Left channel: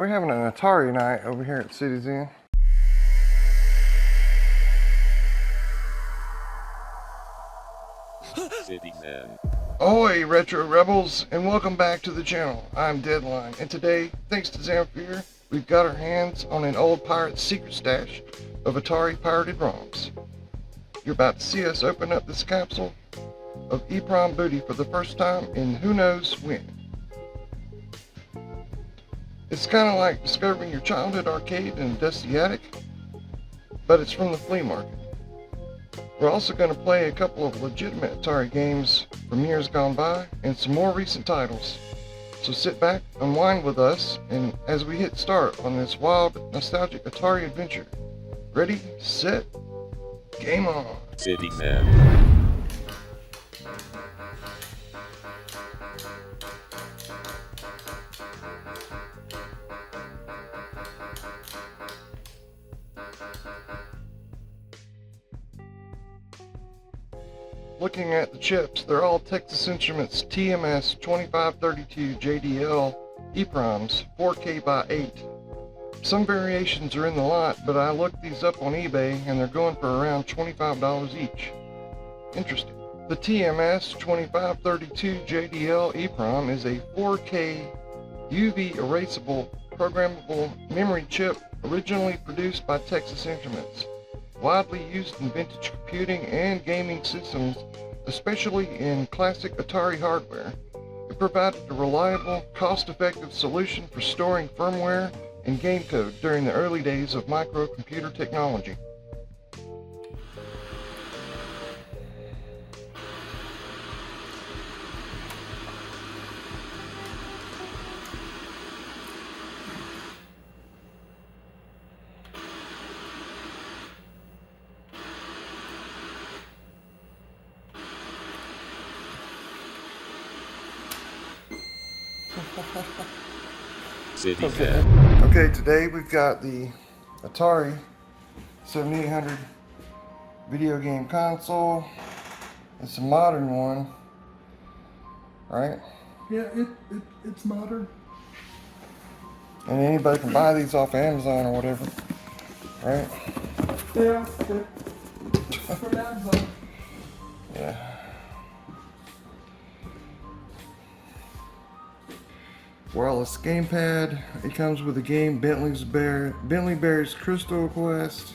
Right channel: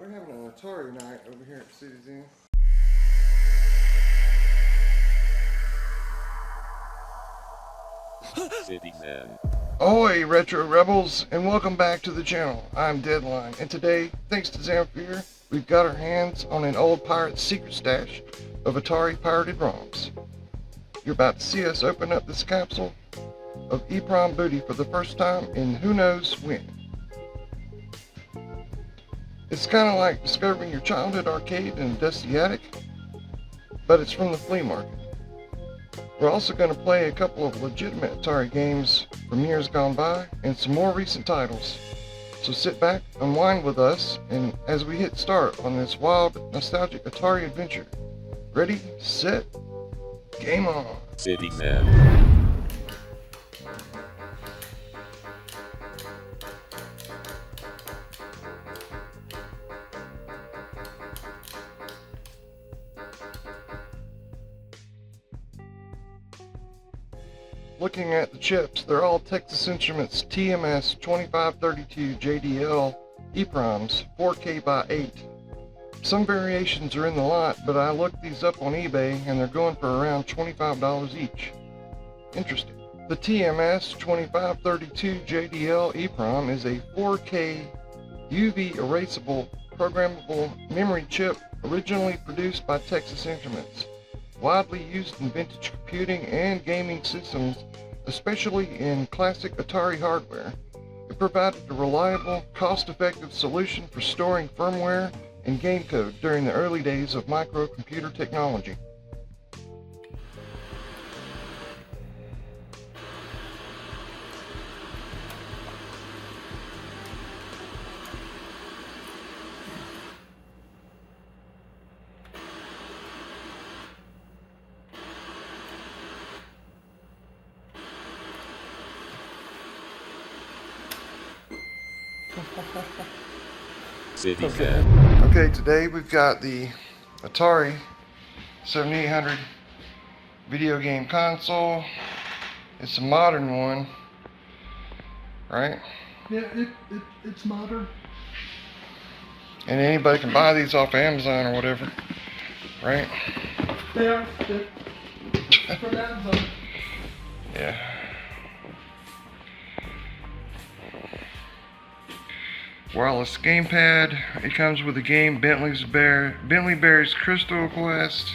We're having an Atari night over here at CityXen. CityXen. Ahoy, Retro Rebels, and welcome back to the channel. I'm Deadline, and today, thanks to Xamfear, we've got our hands on an old pirate's secret stash of Atari pirated ROMs. You're about to see us open up this capsule of EPROM booty for the first time in who knows when. It's kind of like discovering your childhood arcade in a dusty attic, but it's from the flea market. We're also going to play a couple of legitimate Atari games from years gone by and some more recent titles. So sit back, unwind with us, and as we hit start on this wild, nostalgic Atari adventure. Ready, set, game on! CityXen. Looking at the chips, they're all Texas Instruments TMS 2532 JDL EPROMs 4K by 8. Some variations are in the lot, but I looked these up on eBay and they're going for around $25 each. Interesting. The TMS 2532 JDL EPROM is a 4K UV erasable programmable memory chip originally produced by Texas Instruments. Widely used in vintage computing and gaming systems, especially in classic Atari hardware. It provided a reliable, cost-effective solution for storing firmware and game code during the early days of microcomputer technology. CityXen. Okay, today we've got the Atari 7800 video game console. It's a modern one, right? Yeah, it's modern. And anybody can buy these off Amazon or whatever, right? Yeah, from Amazon. Yeah. Wireless gamepad. It comes with the game Bentley Bear's Crystal Quest.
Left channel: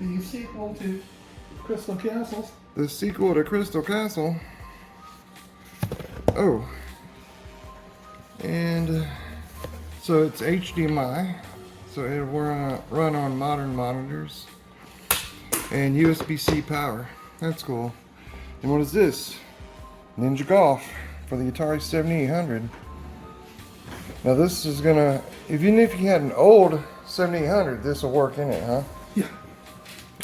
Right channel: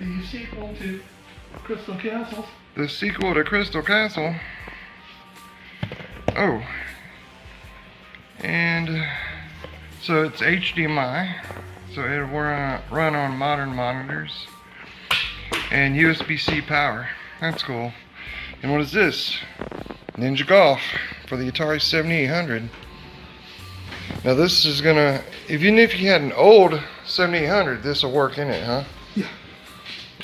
The sequel to Crystal Castles. The sequel to Crystal Castle. Oh. And so it's HDMI. So it'll run on modern monitors. And USB-C power. That's cool. And what is this? Ninja Golf for the Atari 7800. Now this is gonna, even if you had an old 7800, this will work in it, huh? Yeah.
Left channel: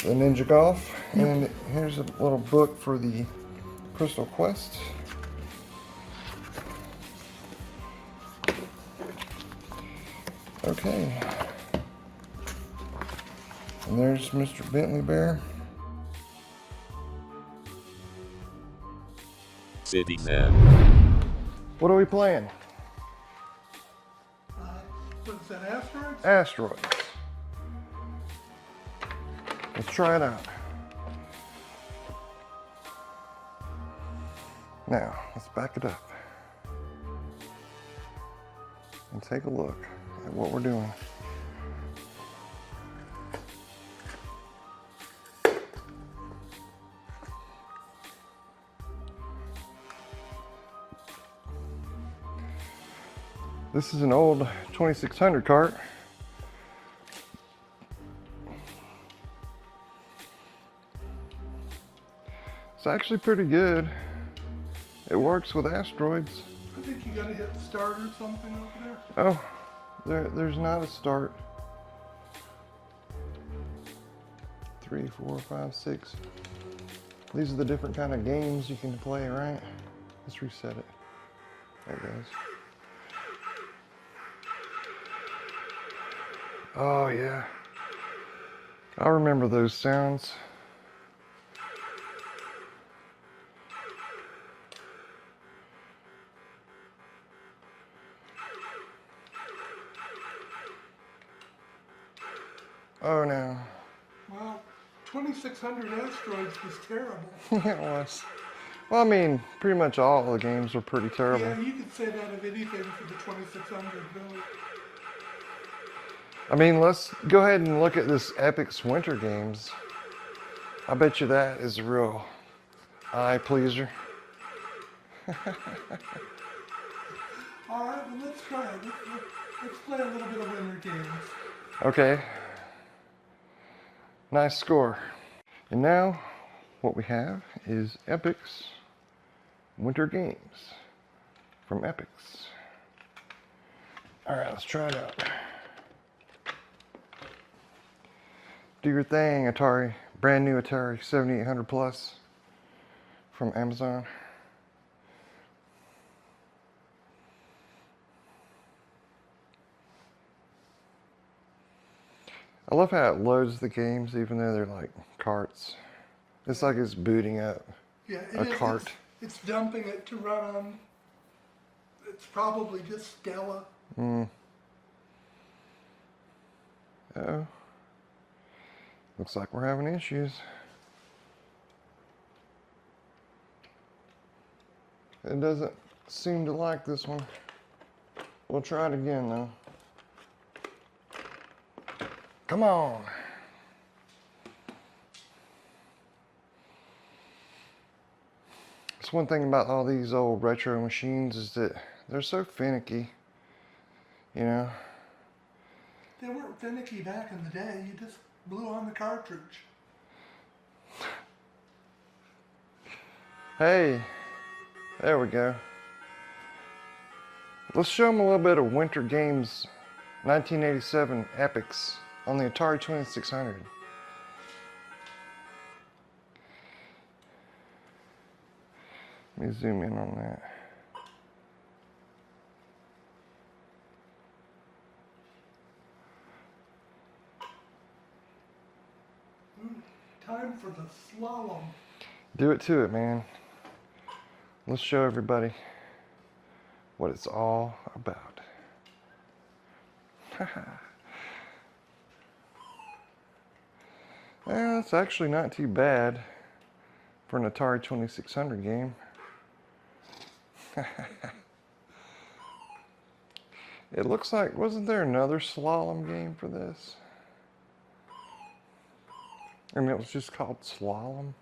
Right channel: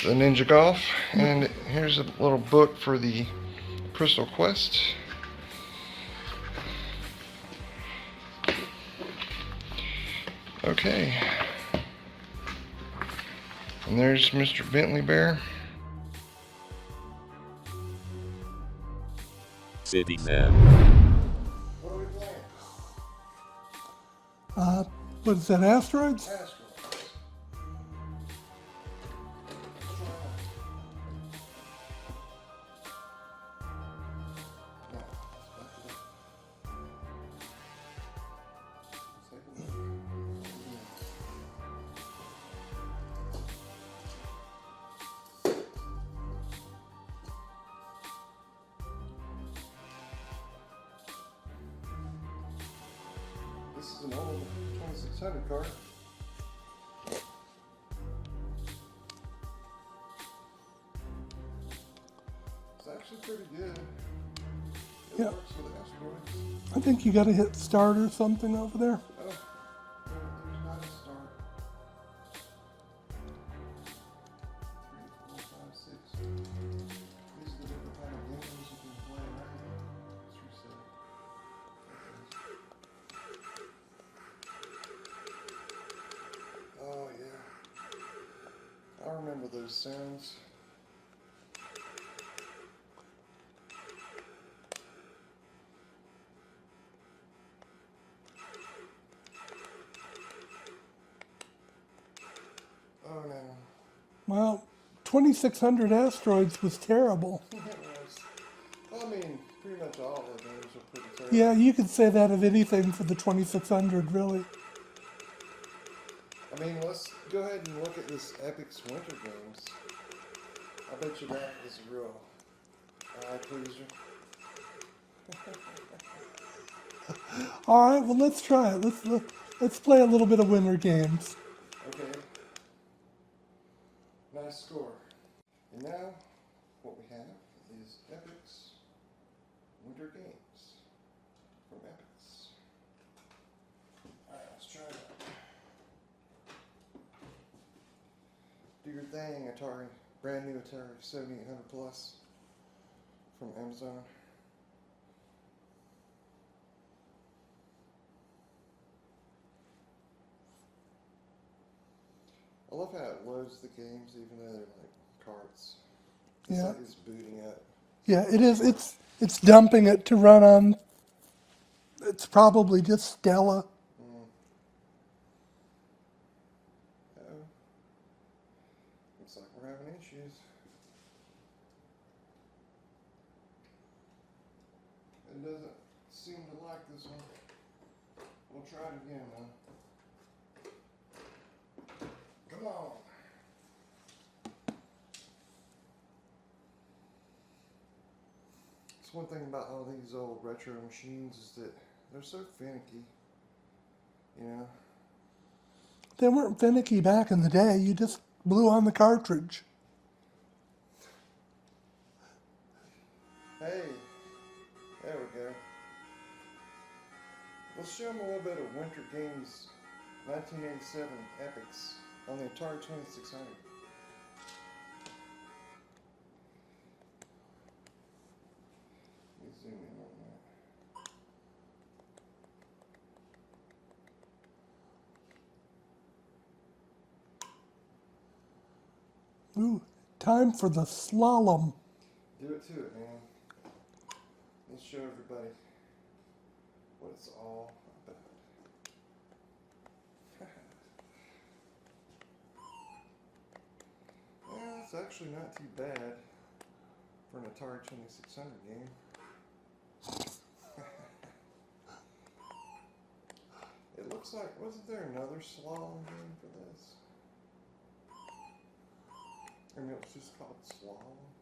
The Ninja Golf. And here's a little book for the Crystal Quest. Okay. And there's Mr. Bentley Bear. CityXen. What are we playing? What is that, Asteroids? Asteroids. Let's try it out. Now, let's back it up and take a look at what we're doing. This is an old 2600 cart. It's actually pretty good. It works with Asteroids. I think you gotta hit start or something over there. Oh, there's not a start. 3, 4, 5, 6. These are the different kind of games you can play, right? Let's reset it. There it goes. Oh yeah, I remember those sounds. Oh no. Well, 2600 Asteroids was terrible. It was. Well, I mean, pretty much all the games were pretty terrible. Yeah, you could say that of anything for the 2600, really. I mean, let's go ahead and look at this Epyx Winter Games. I bet you that is a real eye pleaser. All right, well, let's try it. Let's play a little bit of Winter Games. Okay. Nice score. And now, what we have is Epyx Winter Games from Epyx. All right, let's try it out. Do your thing, Atari. Brand new Atari 7800 Plus from Amazon. I love how it loads the games even though they're like carts. It's like it's booting up. Yeah, it a is. cart. It's dumping it to run on. It's probably just Stella. Uh-oh. Looks like we're having issues. It doesn't seem to like this one. We'll try it again though. Come on. That's one thing about all these old retro machines is that they're so finicky, you know. They weren't finicky back in the day. You just blew on the cartridge. Hey, there we go. Let's show them a little bit of Winter Games 1987 Epyx on the Atari 2600. Let me zoom in on that. Ooh, time for the slalom. Do it to it, man. Let's show everybody what it's all about. Well, it's actually not too bad for an Atari 2600 game. It looks like, wasn't there another slalom game for this? And it was just called Slalom.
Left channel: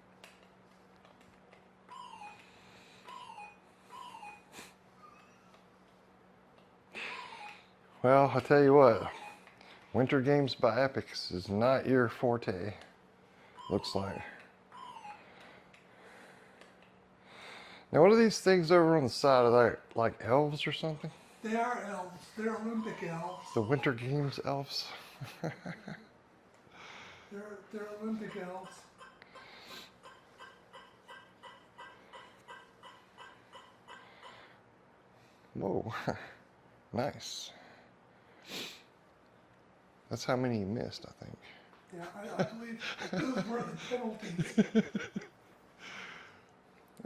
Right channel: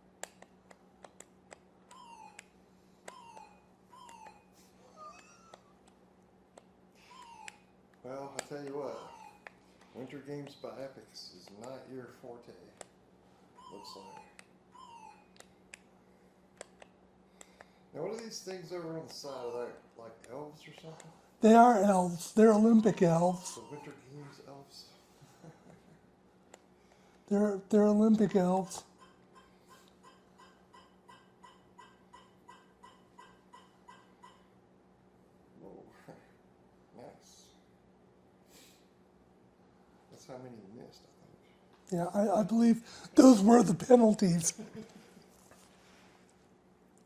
Well, I tell you what, Winter Games by Epyx is not your forte, looks like. Now, what are these things over on the side of that, like elves or something? They are elves. They're Olympic elves. The Winter Games elves? They're Olympic elves. Whoa, nice. That's how many you missed, I think. Yeah, I believe those were the penalties.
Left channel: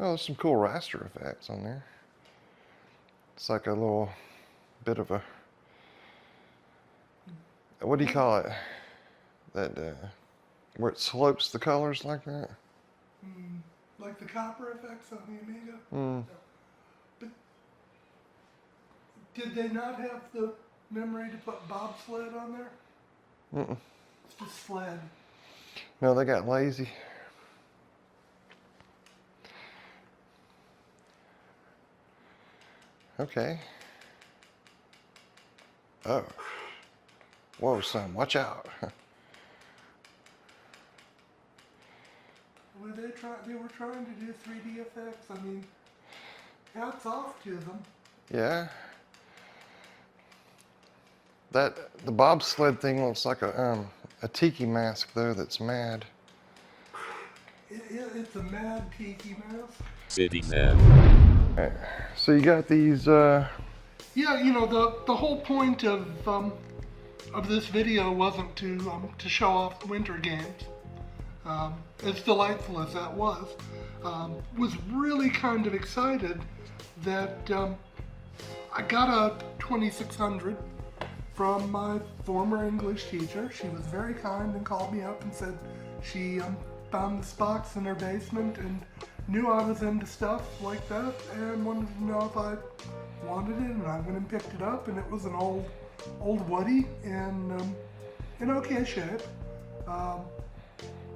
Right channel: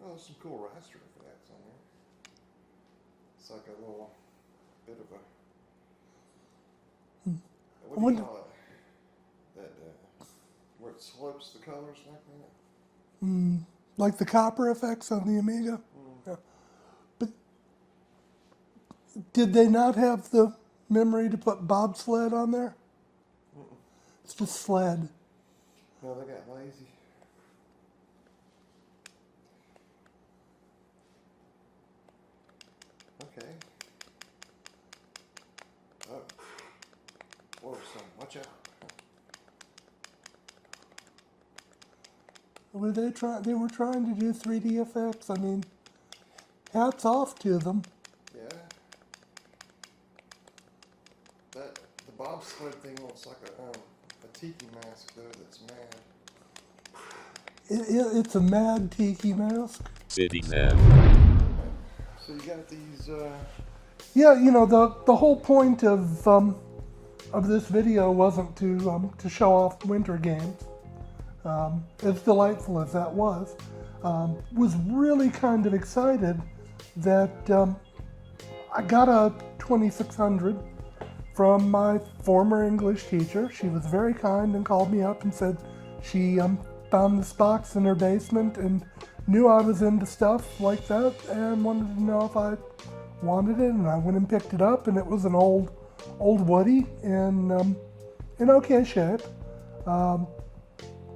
Oh, there's some cool raster effects on there. It's like a little bit of a, what do you call it? That, where it slopes the colors like that? Like the copper effects on the Amiga. Yeah. But did they not have the memory to put bobsled on there? It's just sled. No, they got lazy. Okay. Oh. Whoa, son, watch out. Were they were trying to do 3D effects. I mean, hats off to them. Yeah. The bobsled thing looks like a tiki mask though that's mad. It's a mad tiki mask. CityXen. Okay. So you got these Yeah, you know, the whole point of this video wasn't to show off the Winter Games. As delightful as that was really kind of excited that I got a 2600 from my former English teacher. She was very kind and called me up and said she found this box in her basement and knew I was into stuff like that and wanted to know if I wanted it, and I went and picked it up, and it was an old Woody in okay shape,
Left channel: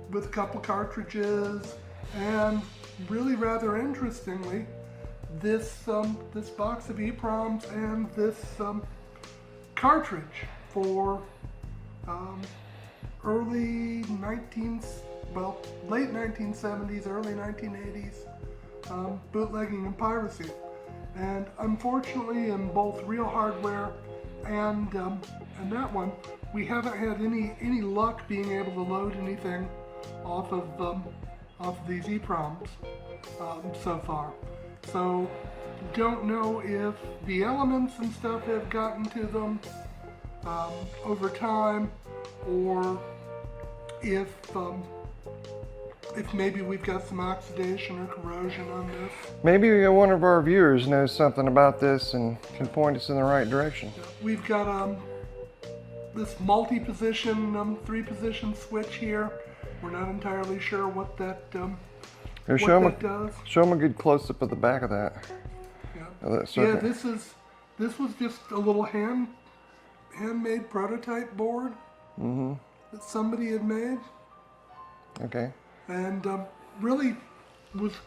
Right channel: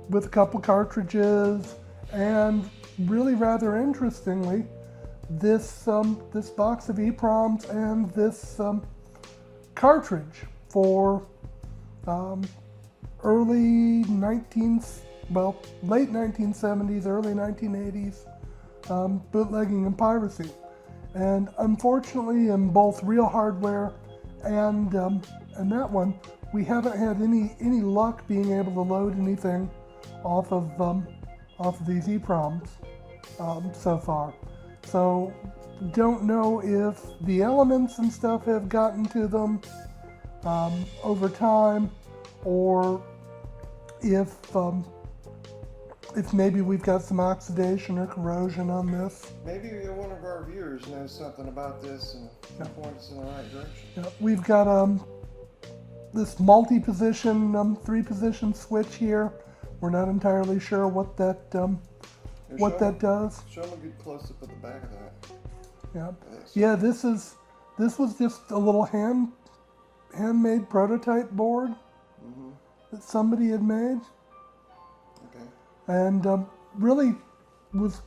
with a couple cartridges, and really rather interestingly, this box of EPROMs and this cartridge for late 1970s, early 1980s bootlegging and piracy. And unfortunately, in both real hardware and that one, we haven't had any luck being able to load anything off of these EPROMs so far. So don't know if the elements and stuff have gotten to them over time, or if maybe we've got some oxidation or corrosion on this. Maybe one of our viewers knows something about this and can point us in the right direction. We've got this multi-position, 3-position switch here. We're not entirely sure what that does. Show them a good close-up of the back of that. Yeah, of that yeah. This was just a little handmade prototype board that somebody had made. Okay. And really was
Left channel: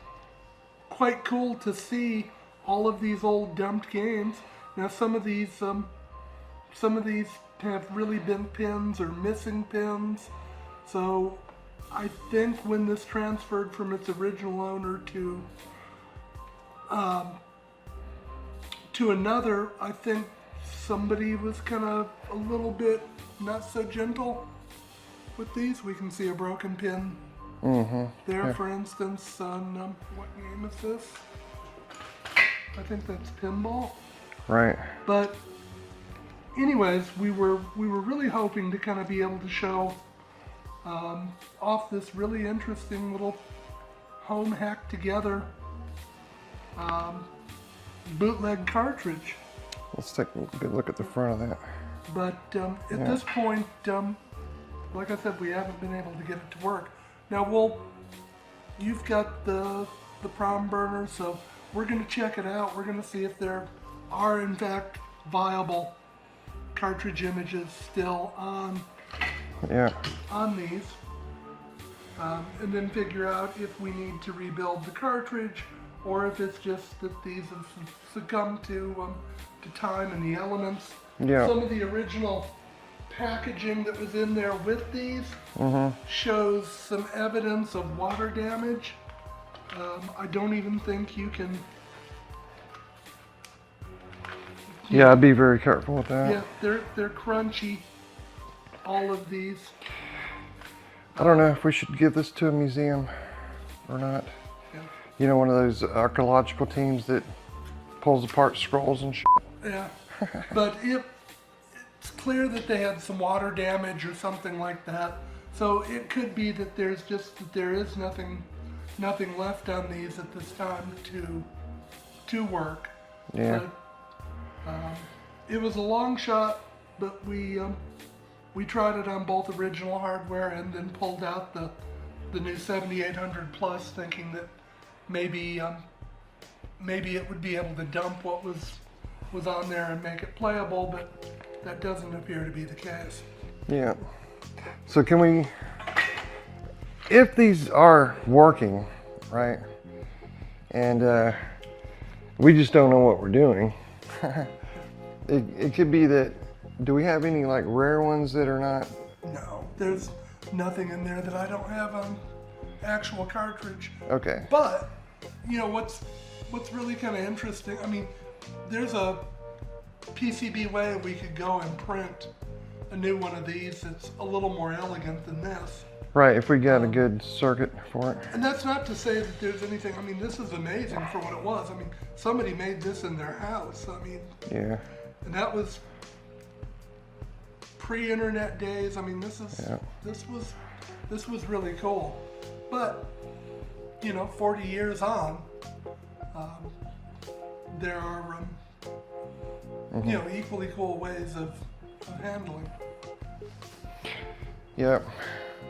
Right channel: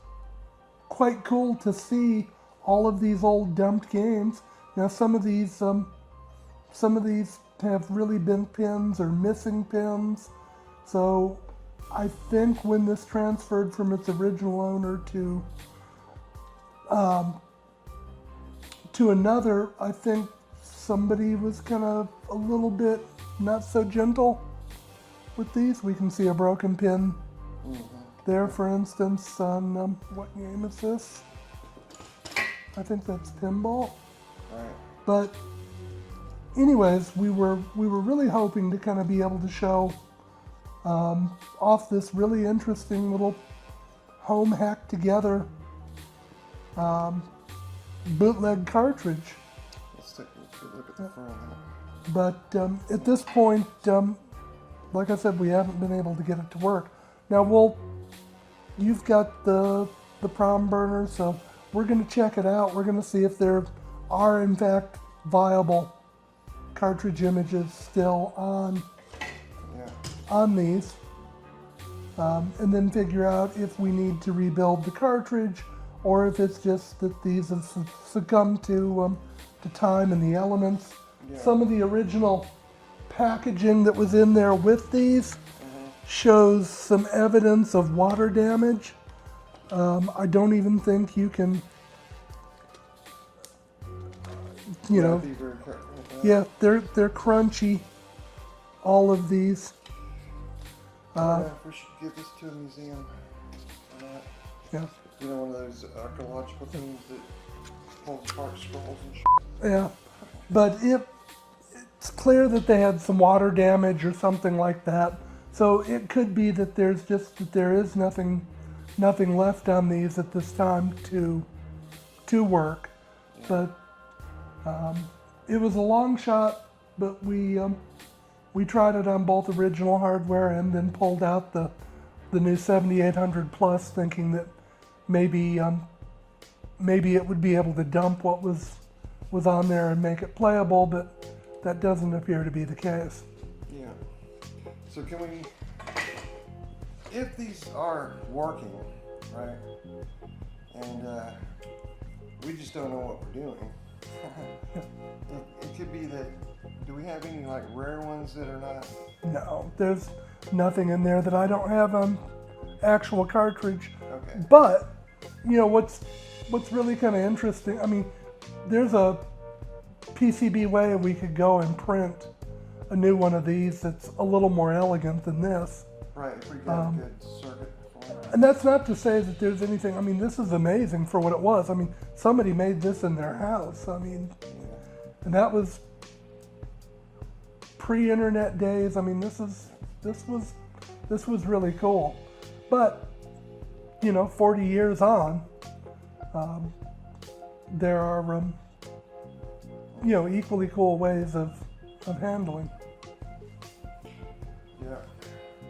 quite cool to see all of these old dumped games. Now some of these have really bent pins or missing pins. So I think when this transferred from its original owner to another, I think somebody was kind of a little bit not so gentle with these. We can see a broken pin there, for instance, on what game is this? I think that's pinball. Right. But anyways, we were really hoping to kind of be able to show off this really interesting little home hacked together bootleg cartridge. Let's take a good look at the front of that. But at this point, like I said, we haven't been able to get it to work. Now you've got the prom burner, so we're going to check it out. We're going to see if there are in fact viable cartridge images still on these, and then figure out if we need to rebuild the cartridge, or if it's just that these have succumbed to time and the elements. Yeah. Some of the original packaging that was in there with these shows some evidence of water damage. I don't even think you can. I'd be very careful with that. Yeah, they're crunchy. All of these. I don't know if we should give this to a museum or not. Yeah. You know, one of those archaeological teams that pulls apart scrolls and shit. Yeah, but it's clear that they had some water damage or something like that. So it could be that there is nothing left on these at this time to work. Yeah. But it was a long shot, but we tried it on both original hardware and then pulled out the new 7800 Plus, thinking that maybe it would be able to dump what was on there and make it playable, but that doesn't appear to be the case. Yeah. So can we, if these are working, right, and we just don't know what we're doing, it could be that, do we have any like rare ones that are not? No, there's nothing in there that I don't have on actual cartridge. Okay. But, you know, what's really kind of interesting, I mean, there's a PCB way we could go and print a new one of these that's a little more elegant than this. Right, if we got a good circuit for it. And that's not to say that there's anything, I mean, this is amazing for what it was. I mean, somebody made this in their house. I mean, yeah. And that was pre-internet days. I mean, this was really cool. But, you know, 40 years on, there are you know, equally cool ways of I'm handling. Yep.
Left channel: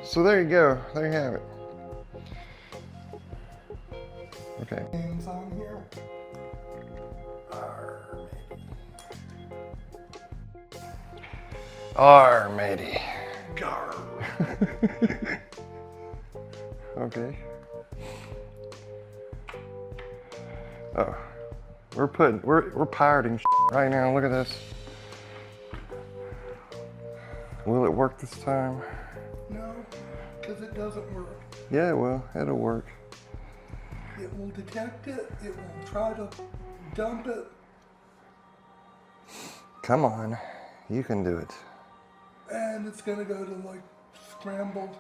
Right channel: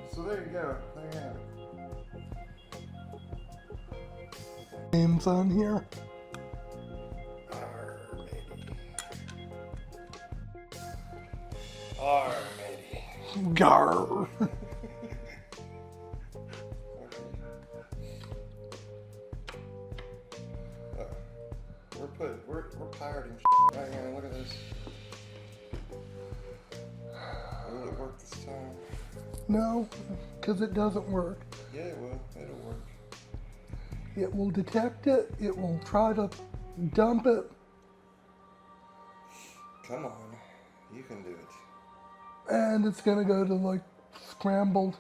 So there you go. There you have it. Okay. Names on here. Matey. Gar. Okay. Oh, we're pirating right now. Look at this. Will it work this time? No, because it doesn't work. Yeah, it will. It'll work. It will detect it. It will try to dump it. Come on, you can do it. And it's going to go to like scrambled.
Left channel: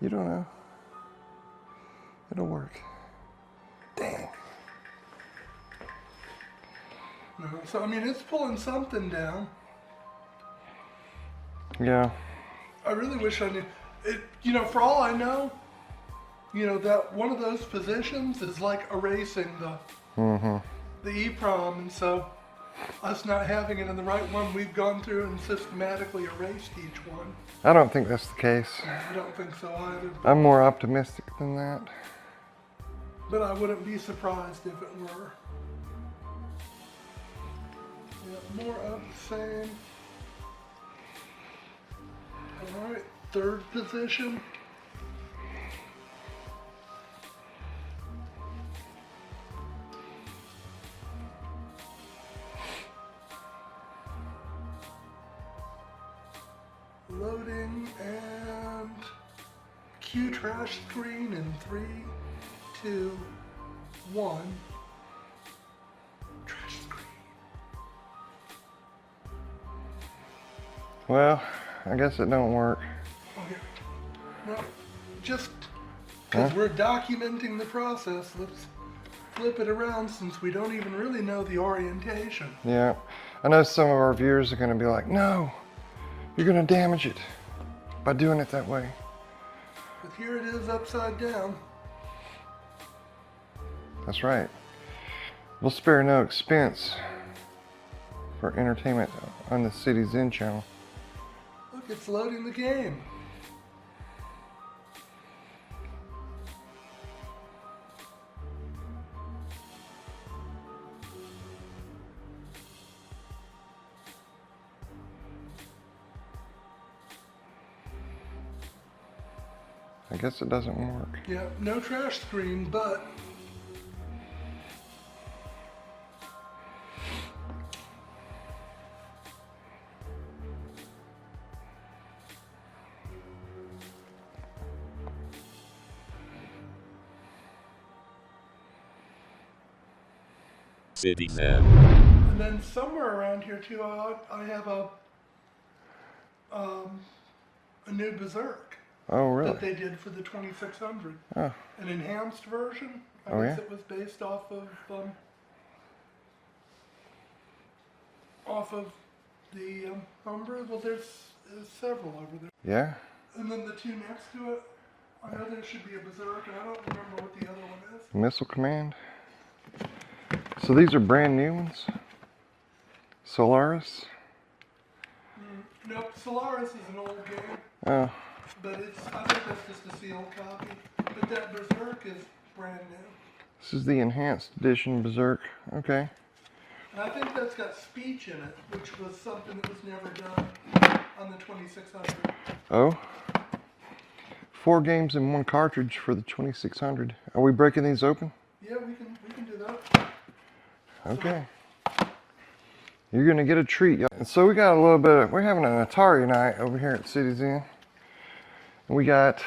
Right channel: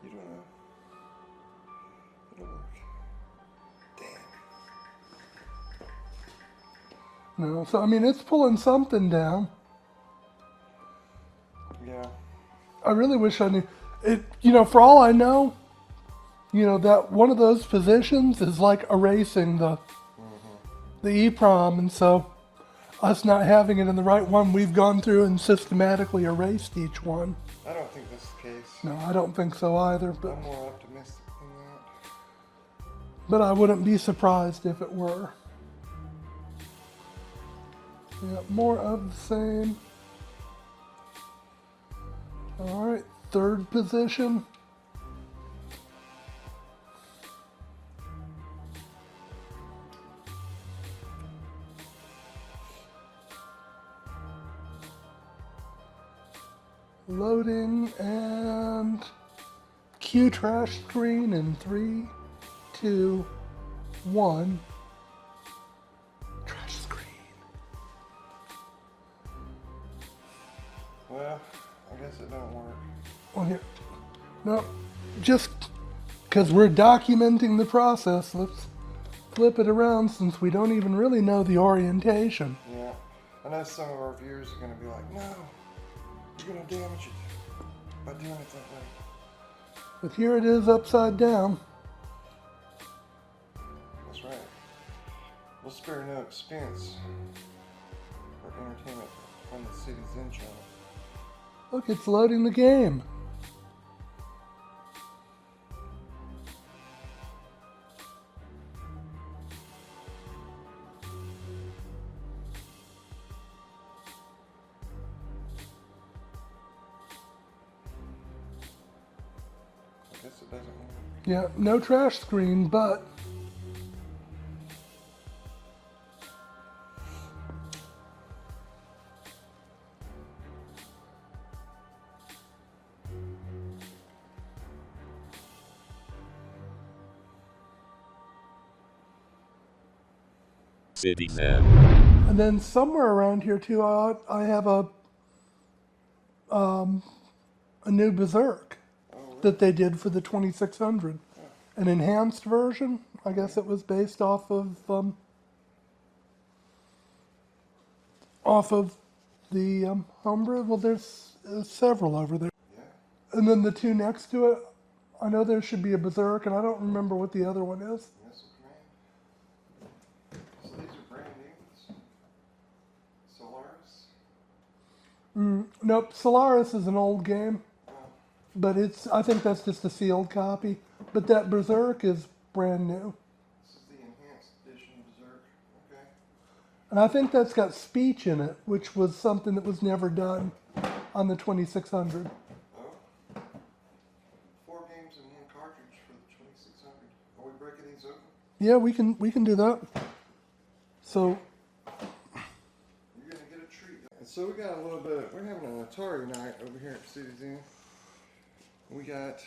You don't know. It'll work. Dang. No, so I mean, it's pulling something down. Yeah. I really wish I knew it. You know, for all I know, you know that one of those positions is like erasing the EPROM, and so us not having it in the right one, we've gone through and systematically erased each one. I don't think that's the case. No, I don't think so either. I'm more optimistic than that. But I wouldn't be surprised if it were. Yeah, more of the same. Alright, third position. Loading and cue trash screen in 3, 2, 1. Trash screen. Well, I guess it don't work. Well, here. No, just because we're documenting the process, let's flip it around since we don't even really know the orientation. Yeah. I know some of our viewers are going to be like, no, you're going to damage it by doing it that way. But here it is upside down. That's right. We'll spare no expense for entertainment on the CityXen channel. Look, it's loading the game. I guess it doesn't work. Yeah, no trash screen, but CityXen. and then somewhere around here too, I have a new Berzerk Oh, really? that they did for the 2600. Oh. An enhanced version. I Oh, guess yeah? it was based off of the homebrew. Well, there's several over there. Yeah? And then the two next to it, I know there should be a Berzerk, and I don't remember what the other one is. Missile Command. So these are brand new ones? Solaris? Nope, Solaris is an old game, Oh, but I think that's just a sealed copy. But that Berzerk is brand new. this is the enhanced edition Berzerk. Okay. And I think that's got speech in it, which was something that was never done on the 2600. Oh. 4 games in 1 cartridge for the 2600. Are we breaking these open? Yeah, we can do that. Okay. You're gonna get a treat. And so we got a little bit we're having an Atari night over here at CityXen. We got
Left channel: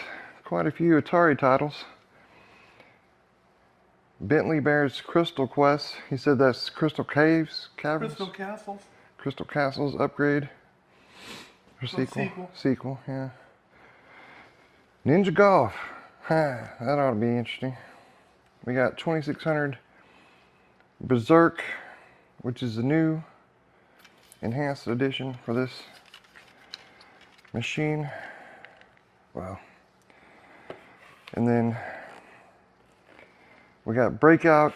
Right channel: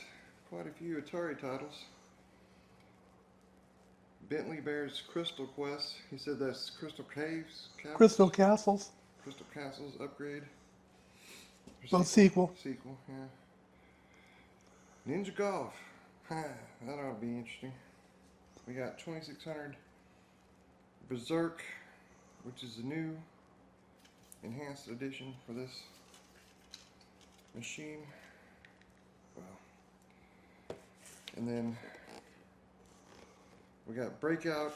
quite a few Atari titles. Bentley Bear's Crystal Quest. He said that's Crystal Caves? Caverns? Crystal Castles. Crystal Castles upgrade. Or Well, sequel. Sequel, yeah. Ninja Golf. That ought to be interesting. We got 2600 Berzerk, which is the new enhanced edition for this machine. Wow. And then we got Breakout,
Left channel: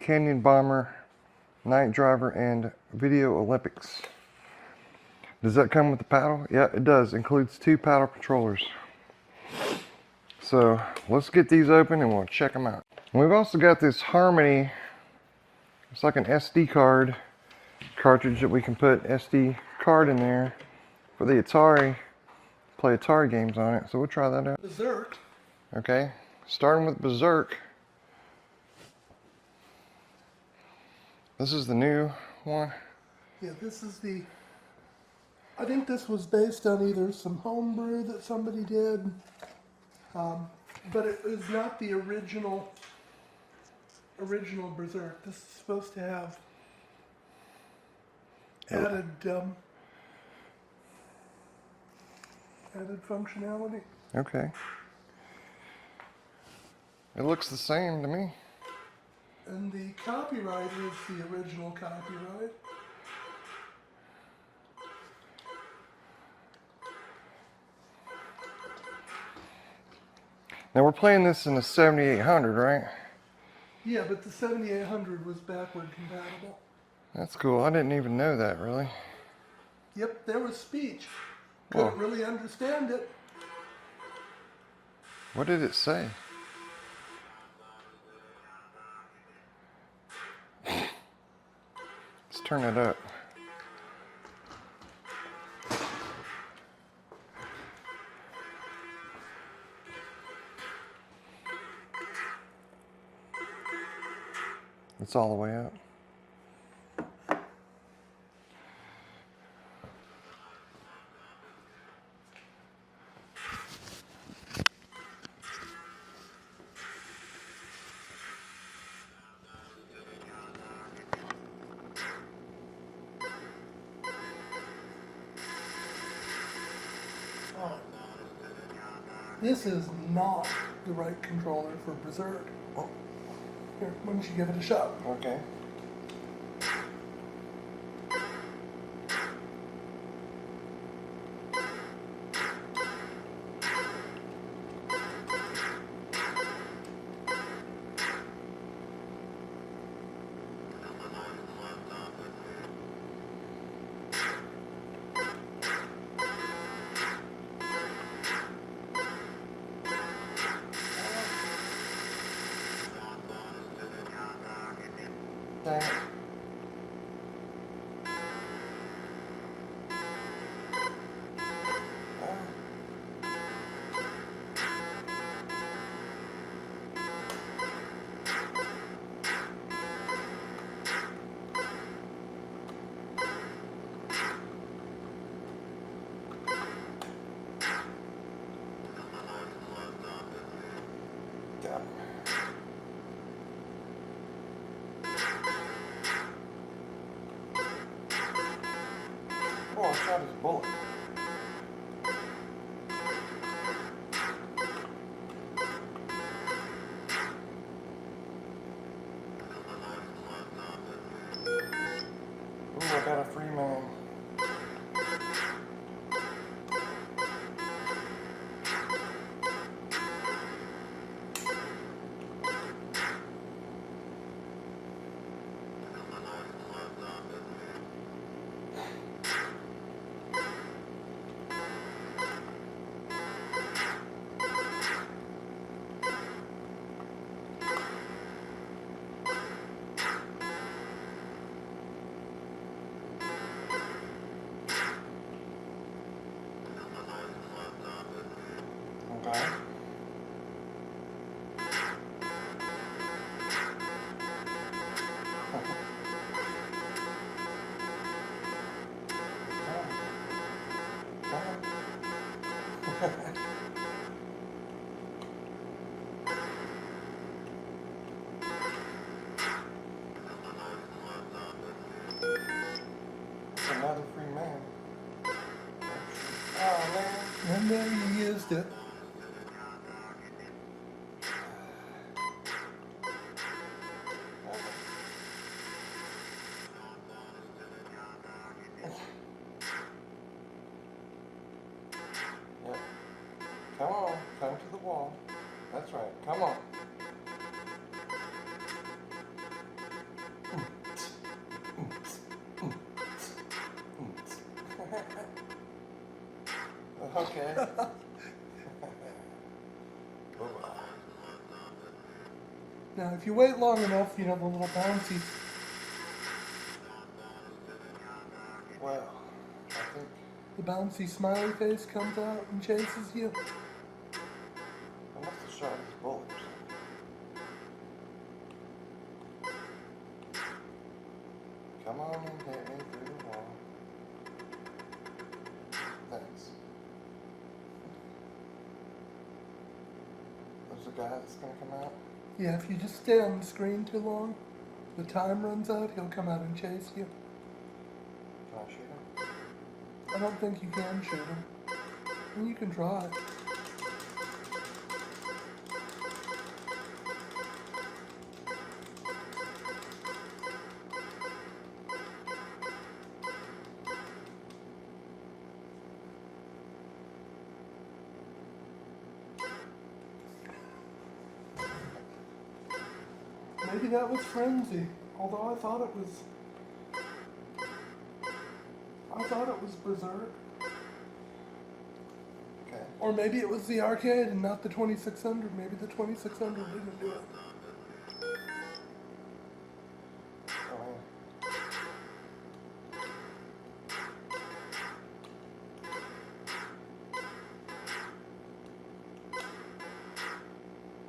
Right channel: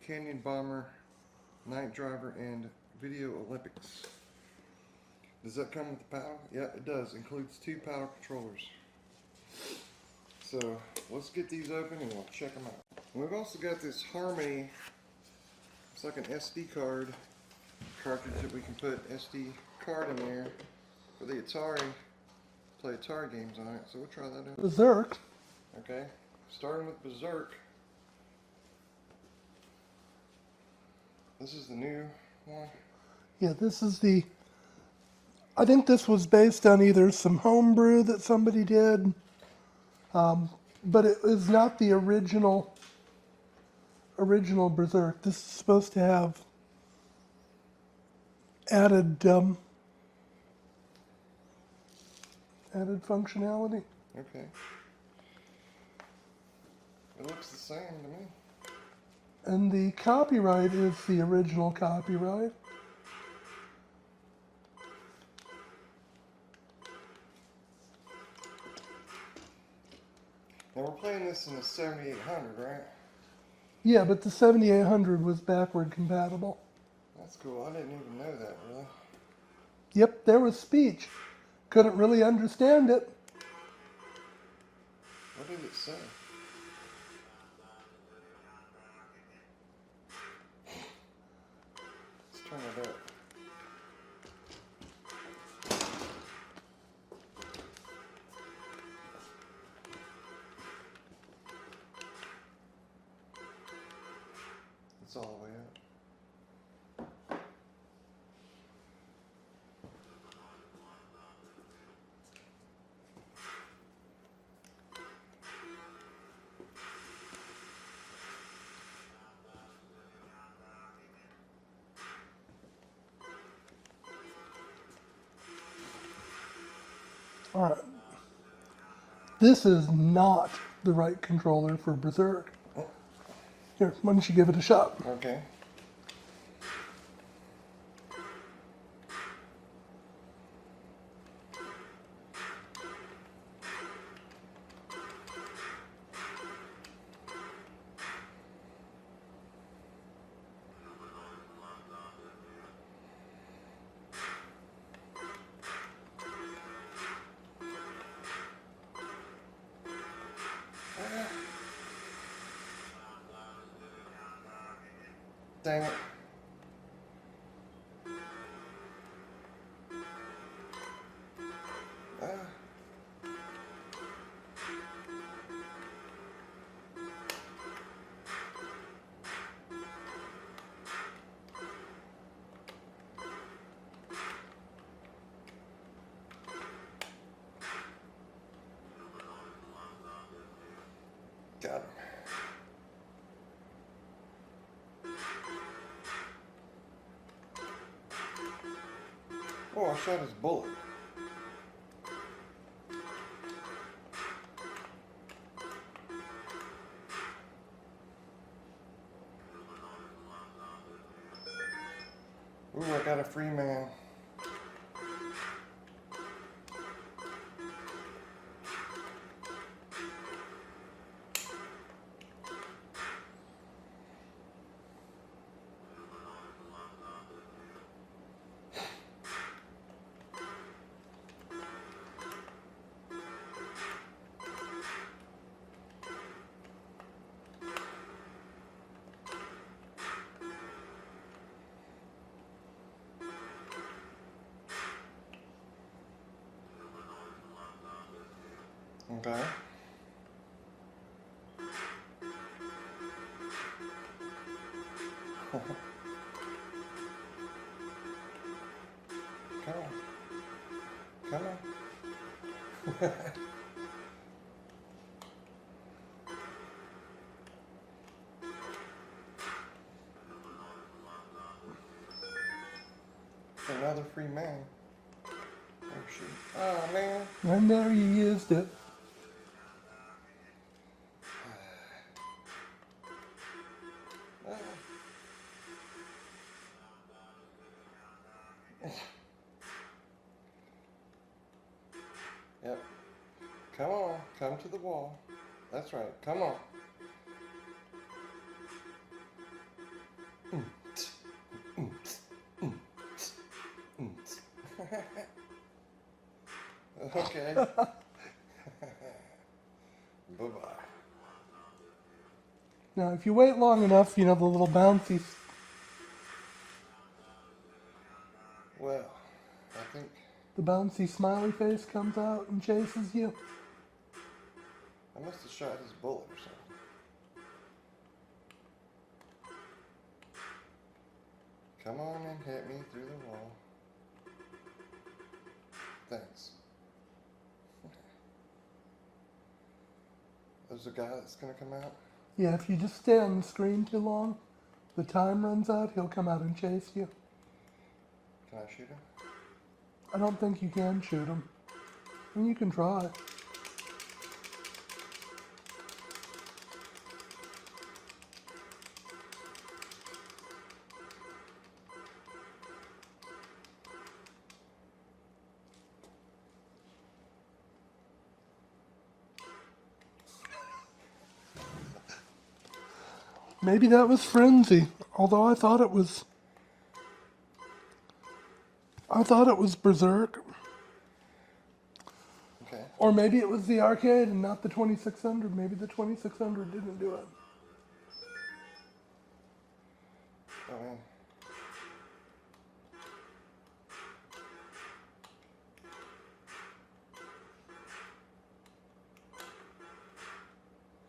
Canyon Bomber, Night Driver, and Video Olympics. Does that come with the paddle? Yeah, it does. Includes 2 paddle controllers. So let's get these open and we'll check them out. And we've also got this Harmony. It's like an SD card cartridge that we can put SD card in there for the Atari. Play Atari games on it. So we'll try that out. Berzerk. Okay, starting with Berzerk. This is the new one. Yeah, this is the. I think this was based on either some homebrew that somebody did, but it is not the original Berzerk. This is supposed to have added functionality. Okay. It looks the same to me. And the copyright is the original copyright. Now we're playing this in the 7800, right? Yeah, but the 7800 was backward compatible. That's cool. I didn't even know that, really. Yep, there was speech. Couldn't Oh. really understand it. What did it say? Let's turn it up. It's all the way up. Alright. This is not the right controller for Berzerk. Here, why don't you give it a shot? Okay. Dang it. Got it. Oh, I shot his bullet. Ooh, I got a free man. Okay. Come on. Come on. Another free man. Oh man. And there you used it. Yep. Come on, come to the wall. That's right. Come on. Okay. Bye-bye. Now, if you wait long enough, you know, the little bouncy... Well, I think... The bouncy smiley face comes out and chases you. I must have shot his bullet or something. Come on and hit me through the wall. Thanks. There's a guy that's gonna come out. Yeah, if you just stay on the screen too long, the time runs out, he'll come out and chase you. Can I shoot him? I don't think you can shoot him. I mean, you can try. Maybe that was Frenzy, although I thought it was Berzerk. Okay. Or maybe it was the arcade and not the 2600. Maybe the 2600 didn't do it. Oh,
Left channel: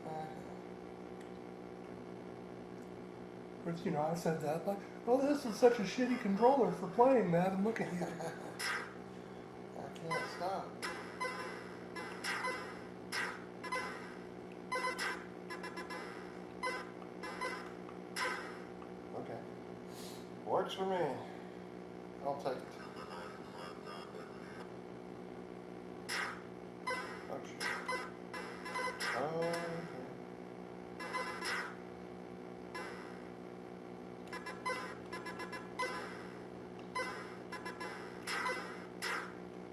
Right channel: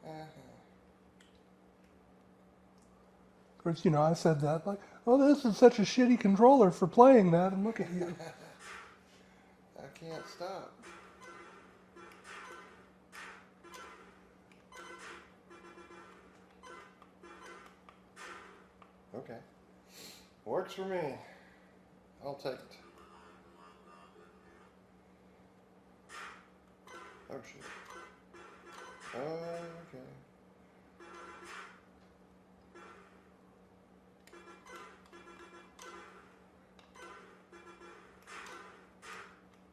man. Of course, you know, I said that, like, oh, this is such a shitty controller for playing that, and look at you. I can't stop. Okay. Works for me. I'll take it. Oh, shit. Okay.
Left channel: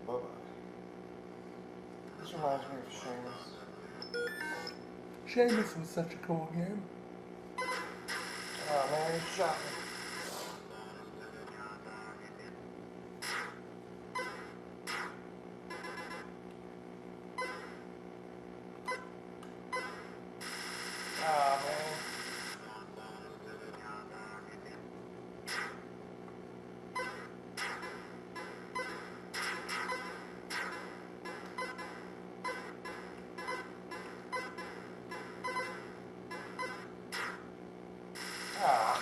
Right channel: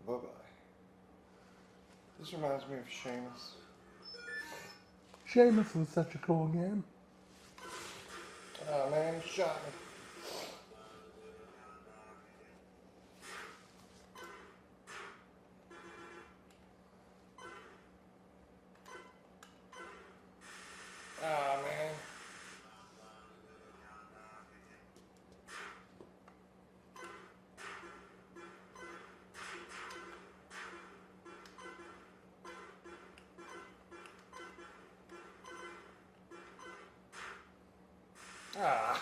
Bye-bye. This reminds me of Seamus. Seamus was such a cool game. Oh man, he shot me. Ah man. Ah.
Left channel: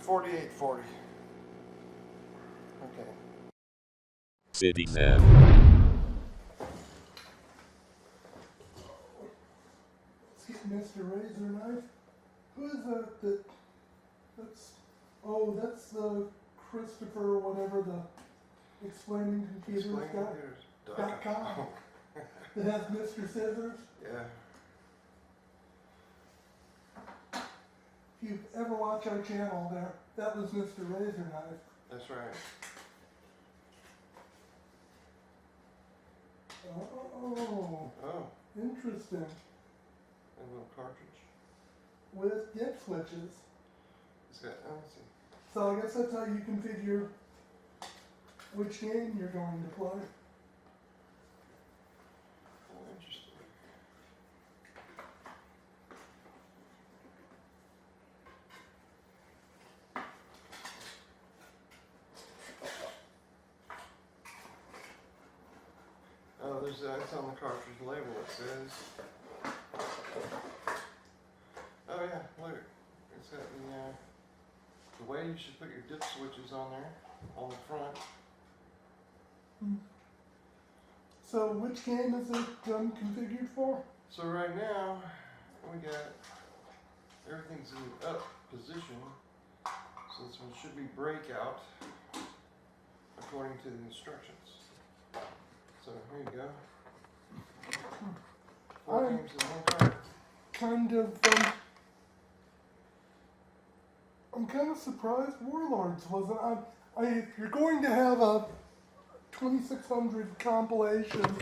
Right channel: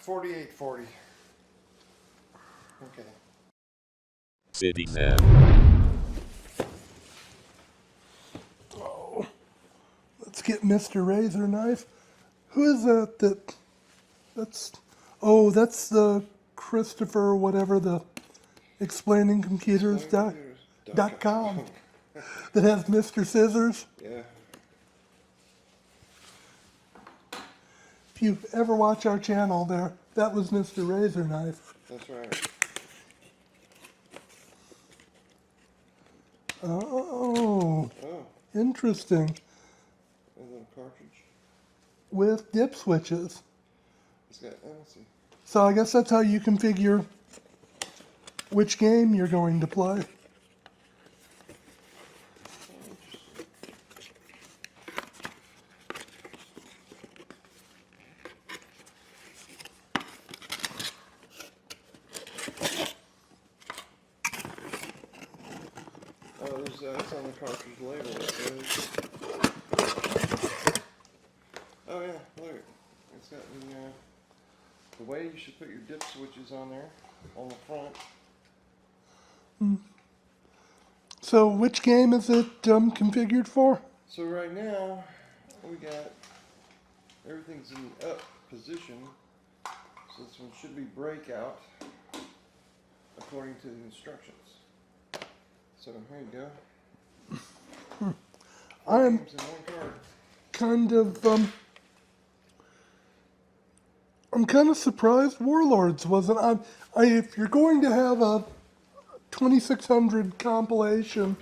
4840. Okay. CityXen. Oh, let's get Mr. Razor Knife. Who is that? That's the Christopher whatever the explaining computers.com that has Mr. Scissors. Yeah. If you ever watch our channel there, that was Mr. Razor Knife. That's right. Oh, Oh, interesting. a little cartridge. With dip switches. It's got, let's see. So I guess that's how you configure which game you're going to play. Oh, that's on the cartridge label. It says. Oh yeah, look. It's got the way you should put your dip switches on there, on the front. So which game is it configured for? So right now, we got, everything's in up position. So this one should be breakout, according to the instructions. So here you go. I'm Games in one cart. I'm kind of surprised Warlords wasn't. If you're going to have a 2600 compilation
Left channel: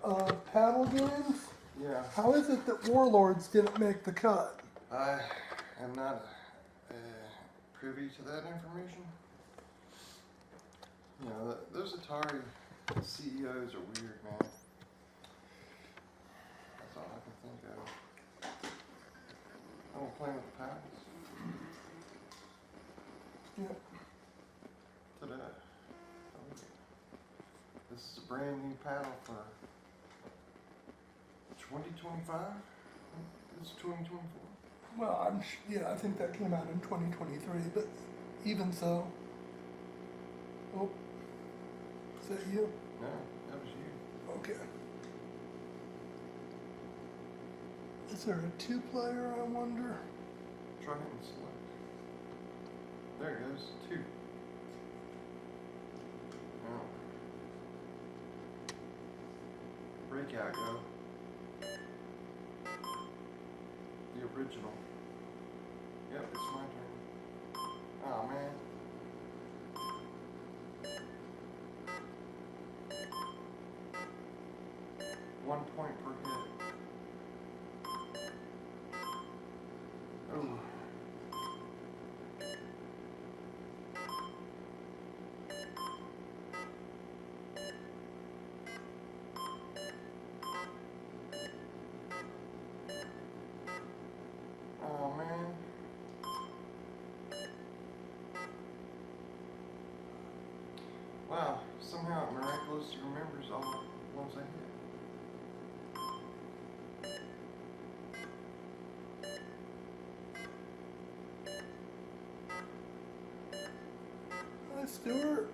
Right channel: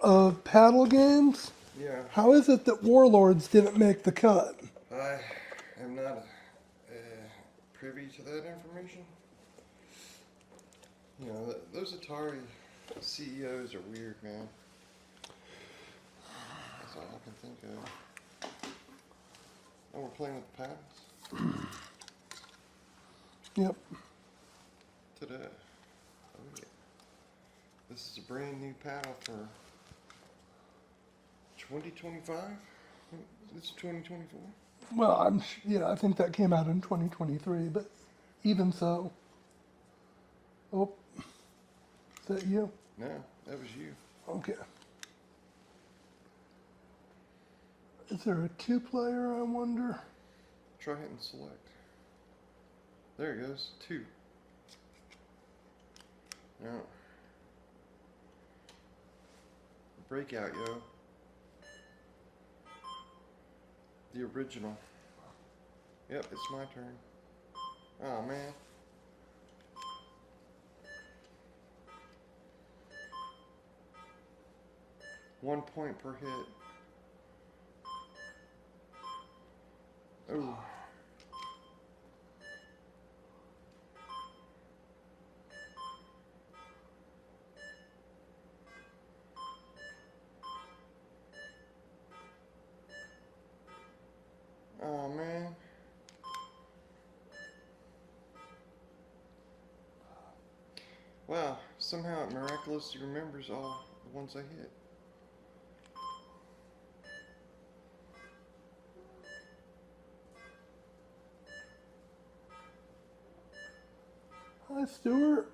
of paddle games, Yeah, how is it that Warlords didn't make the cut? I am not a privy to that information. You know, those Atari CEOs are weird, man. That's all I can think of. Oh, we're playing with the patents? Yep. Ta-da. Oh, yeah. This is a brand new paddle for 2025? It's 2024? Well, yeah, I think that came out in 2023, but even so. Oh, is that you? No, that was you. Okay. Is there a two-player, I wonder? Try hitting select. There it goes. 2. No. Breakout, yo. The original. Yep, it's my turn. Oh, man. One point per hit. Oh. Oh, man. Wow, somehow it miraculously remembers all the ones I hit. Hi, Stuart.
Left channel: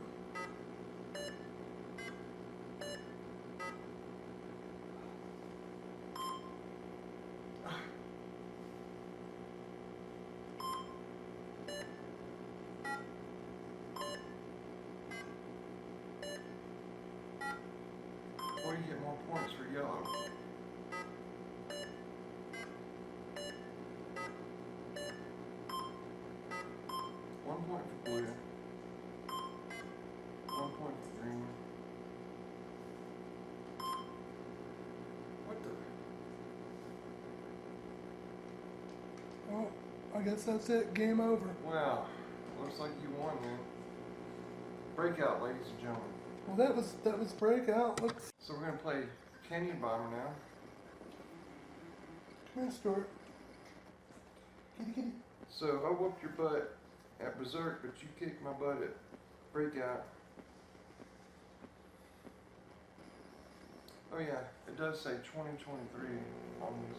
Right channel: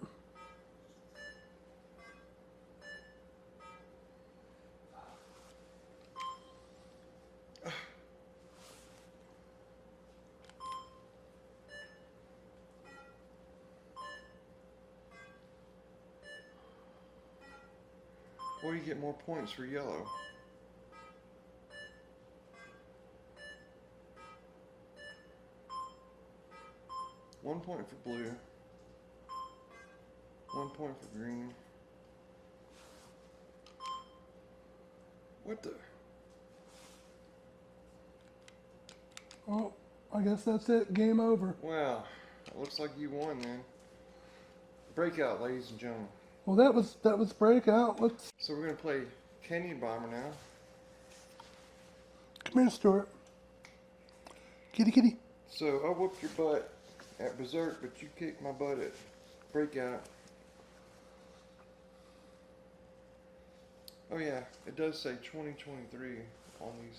Well, you get more points for yellow. One point for blue. 1 point for green. What the? Well, I guess that's it. Game over. Wow. Looks like you won, man. Breakout, ladies and gentlemen. Well, that was Breakout. Let's So we're gonna play Canyon Bomber now. come here, Stuart. Kitty, kitty. So I whooped your butt at Berzerk, but you kicked my butt at Breakout. Oh yeah, it does say 2023 on these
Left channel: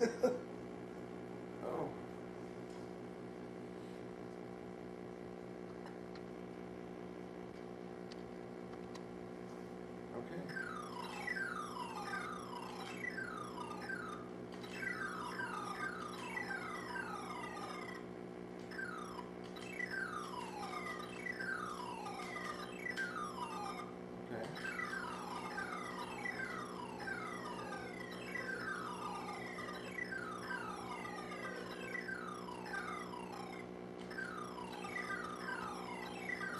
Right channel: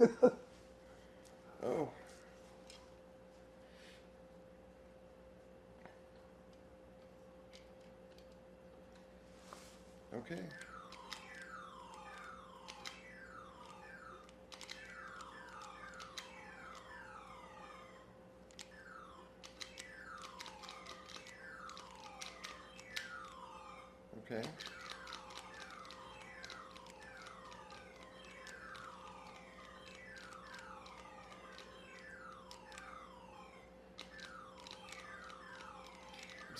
things. Oh. Okay. Okay.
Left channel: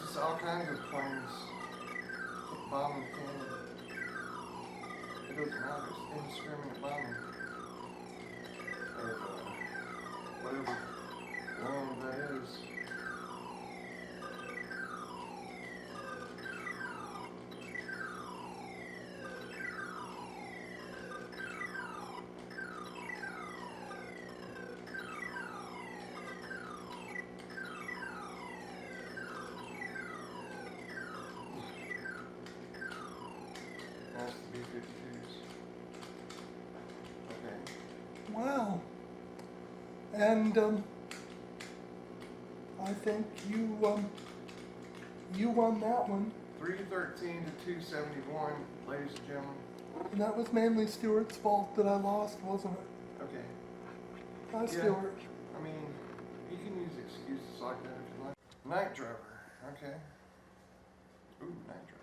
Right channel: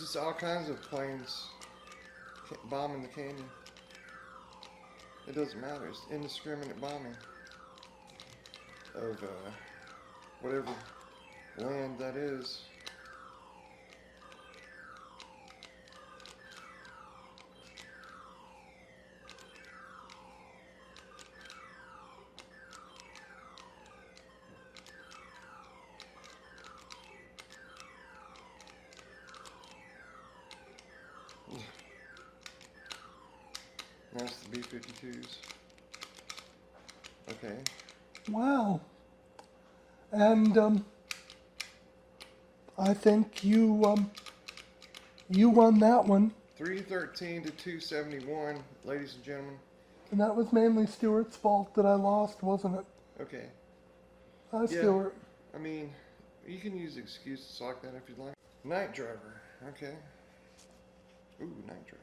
Just all kinds of planes bombing the canyon. It doesn't matter. It's indiscriminate bombing of whatever land that is. That's the B-52s. Okay. Wow. And I think you won that one. 313 to 271, ladies and gentlemen. And that was mainly Stuart's fault that I lost, wasn't it? Okay. Hi, Stuart. I mean, you can use excuses like that if you like. Night Driver. Okay. Ooh, Night Driver.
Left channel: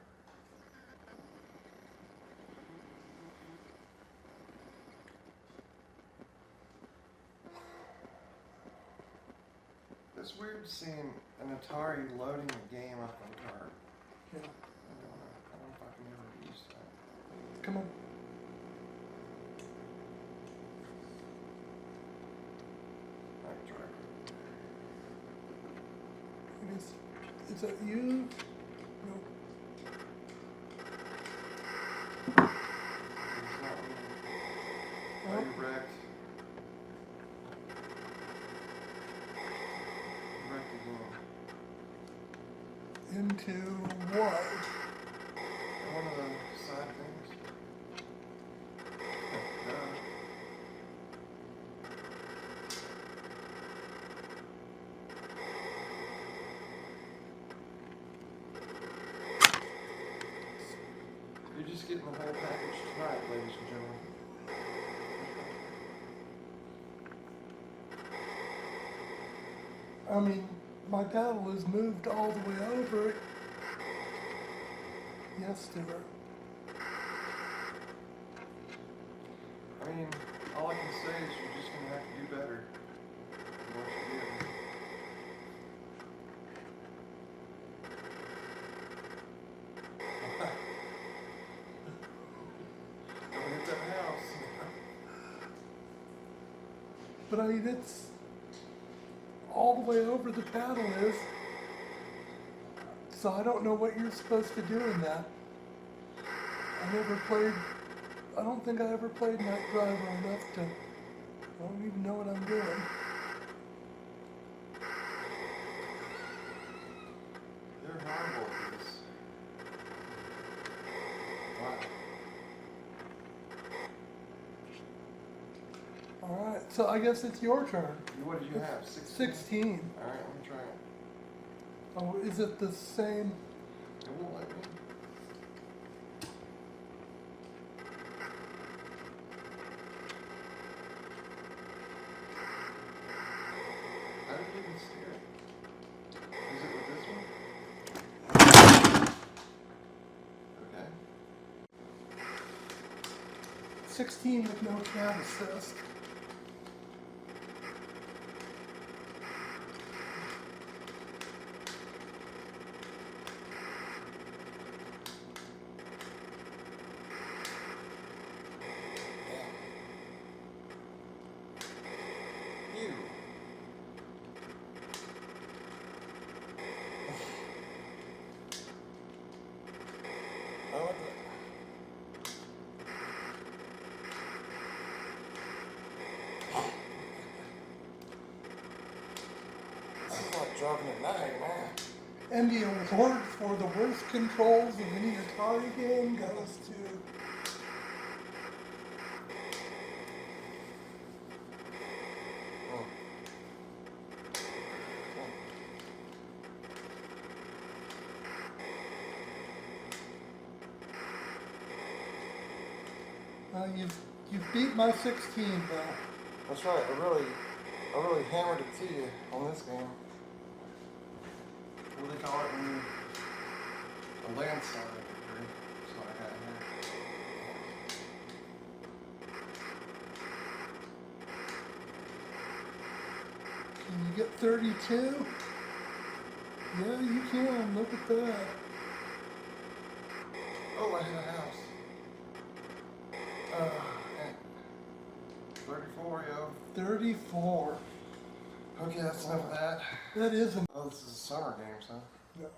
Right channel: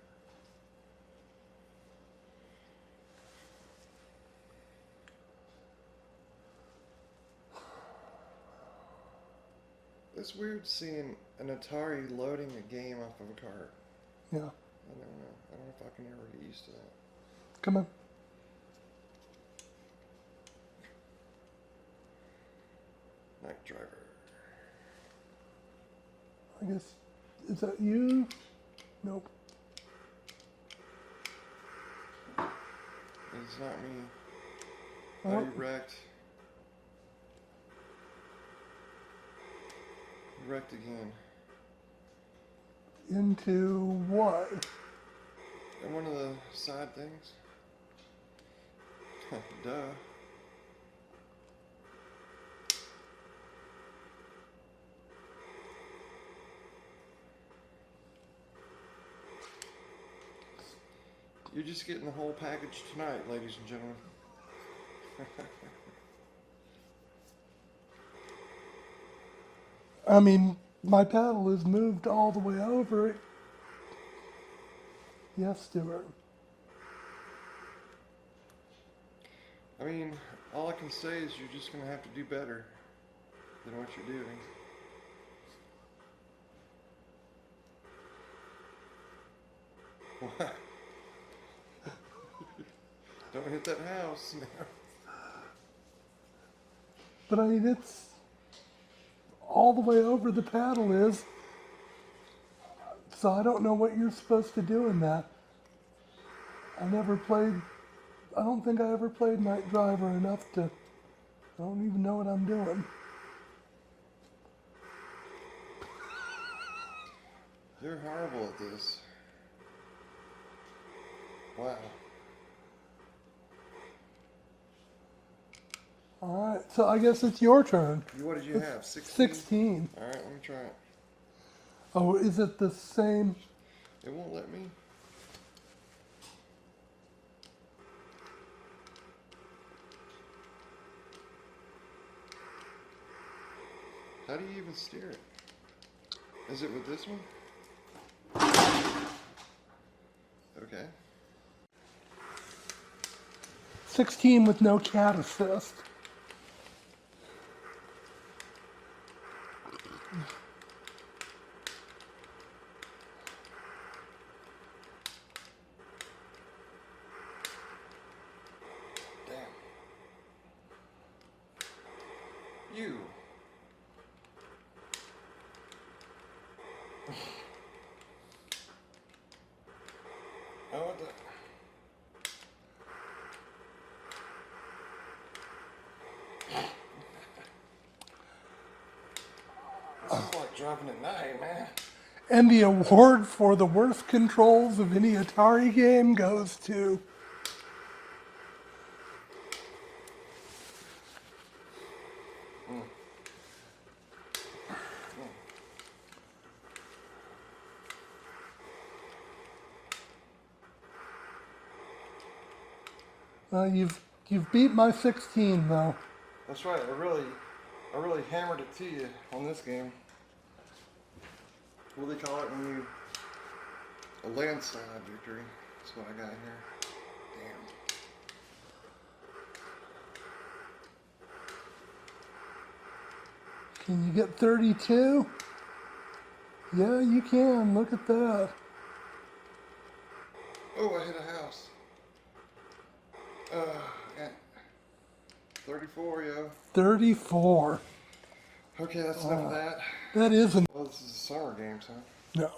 It's weird seeing an Atari loading a game off of a cart. Yeah. I don't know if I can ever get used to that. Come on. Night Driver. I guess, is that you? Nope. Are you wrecked? Wrecked again. Into what? And one of the side things. Duh. You're just getting the whole package tonight, ladies and gentlemen. I mean, my paddle is moved all the way over it. Yes, Stuart. I mean, all I can say is you're just going to have to do better than what you did. Don't hit that house. But I mean, it's all the way over the paddle is. So I don't know what you're supposed to do in that. I don't think I ever played Night Driver enough to, I don't even know what I'm doing. You're horrible at this. Wow. Alright, so I guess it's your turn. What did you have? 16? 16. Alright, let me try it. Oh, is it the same? It won't let me. How do you even steer it? Is it with this one? Okay. 16 with no chat assist. You. I want that. This is like dropping at night, man. And the award for the worst controls of any Atari game goes to... You've beat my 16 though. That's right. I really hammered it to you on this game. What do they call it when you a landslide victory? That's what I got here. Can you get 32? Yeah, you can. Look at that. Oh, I hit a house. 34, yo. 34. Okay, that's enough of that. That isn't. Oh, this is a summer games, huh? No,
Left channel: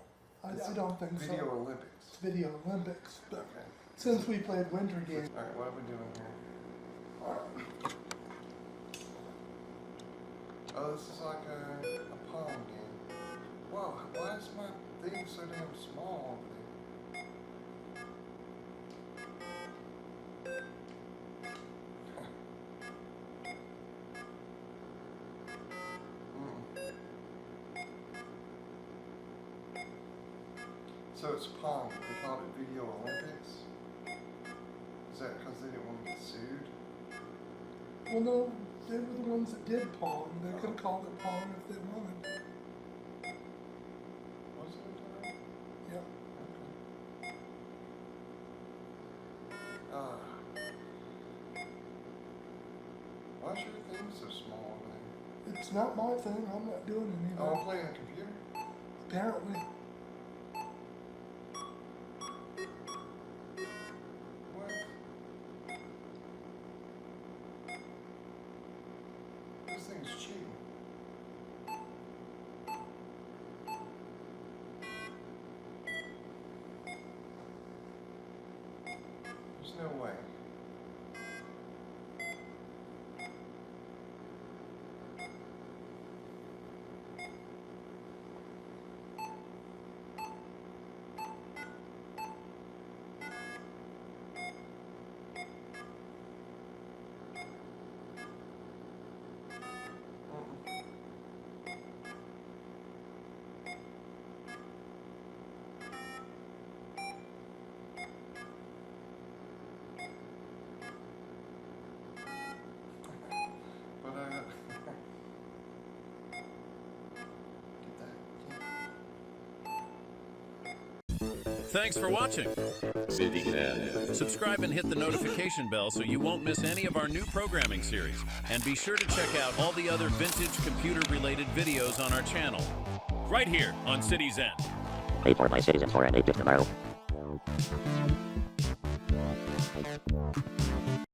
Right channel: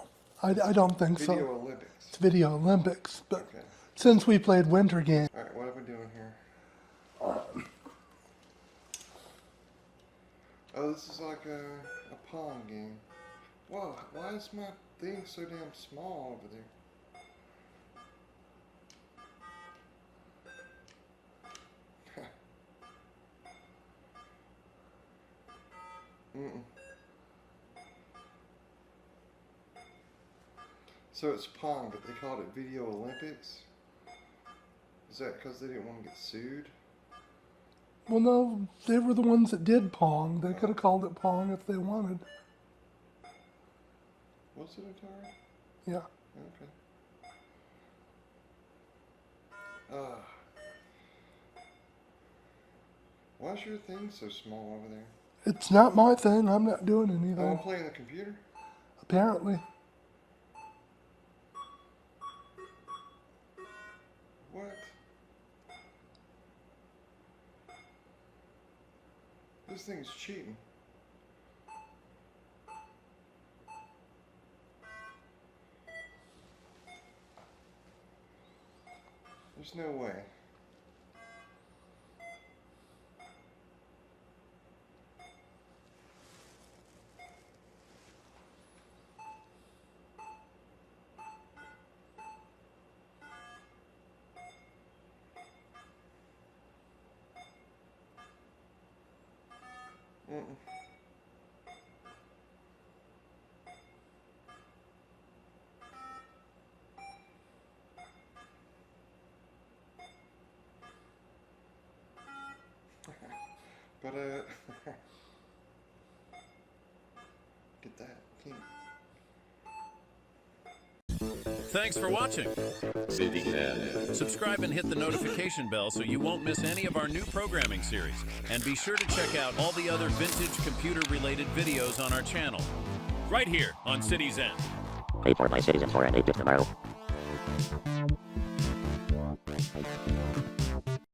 I don't think so. Video Olympics. It's Video Olympics, but Okay. since we played winter games. Alright, what are we doing here? Oh, this is like a Pong game. Whoa, why is my thing so damn small over there? So it's Pong, but they called it Video Olympics? Is that because they didn't want to get sued? Well, no, they were the ones that did Pong. They could have called it Pong if they wanted. Was it a time? Yeah. Okay. Why is your thing so small over there? It's not my thing. I'm not doing anything. Oh, I'm playing the computer? Apparently. What? This thing is cheating. no way. But get that. Thanks for watching. CityXen. Subscribe and hit the notification bell so you won't miss any of our new programming series. And be sure to check out all the other vintage computer-related videos on our channel. Right here on CityXen. Wait for my CityXen for an 8-bit tomorrow.